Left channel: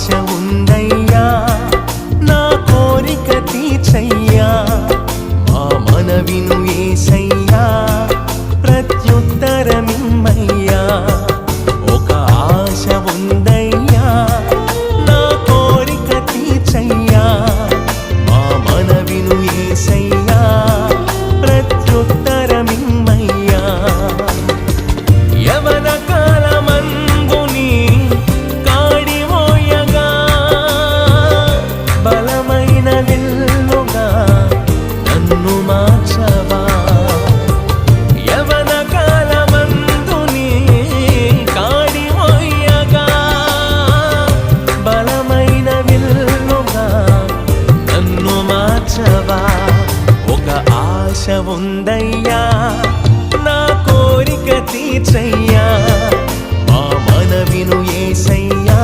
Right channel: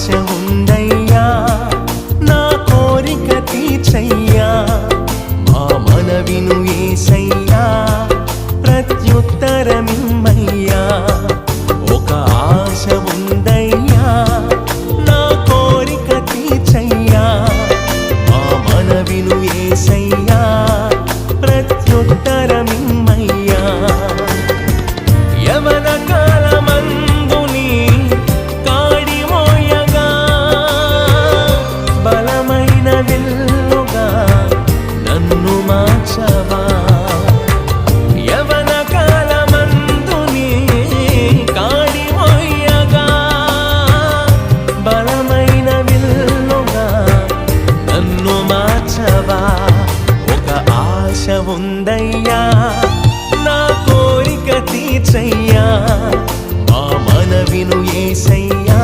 ఆశ ఉందయ్యా నా కోరిక తీర్చయ్యా మా మనవిను యేసయ్యా ప్రత్యుత్తరమిమ్మయ్యా ఒక ఆశ ఉందయ్యా నా కోరిక తీర్చయ్యా మా మనవిను యేసయ్యా ప్రత్యుత్తరమిమ్మయ్యా యవన కాలమందుని కాడి మోయగా బలమైన విల్లుగా నన్ను మార్చవా యవన కాలమందుని కాడి మోయగా బలమైన విల్లుగా నన్ను మార్చవా ఒక ఆశ ఉందయ్యా నా కోరిక తీర్చయ్యా మా మనవిను యేసయ్యా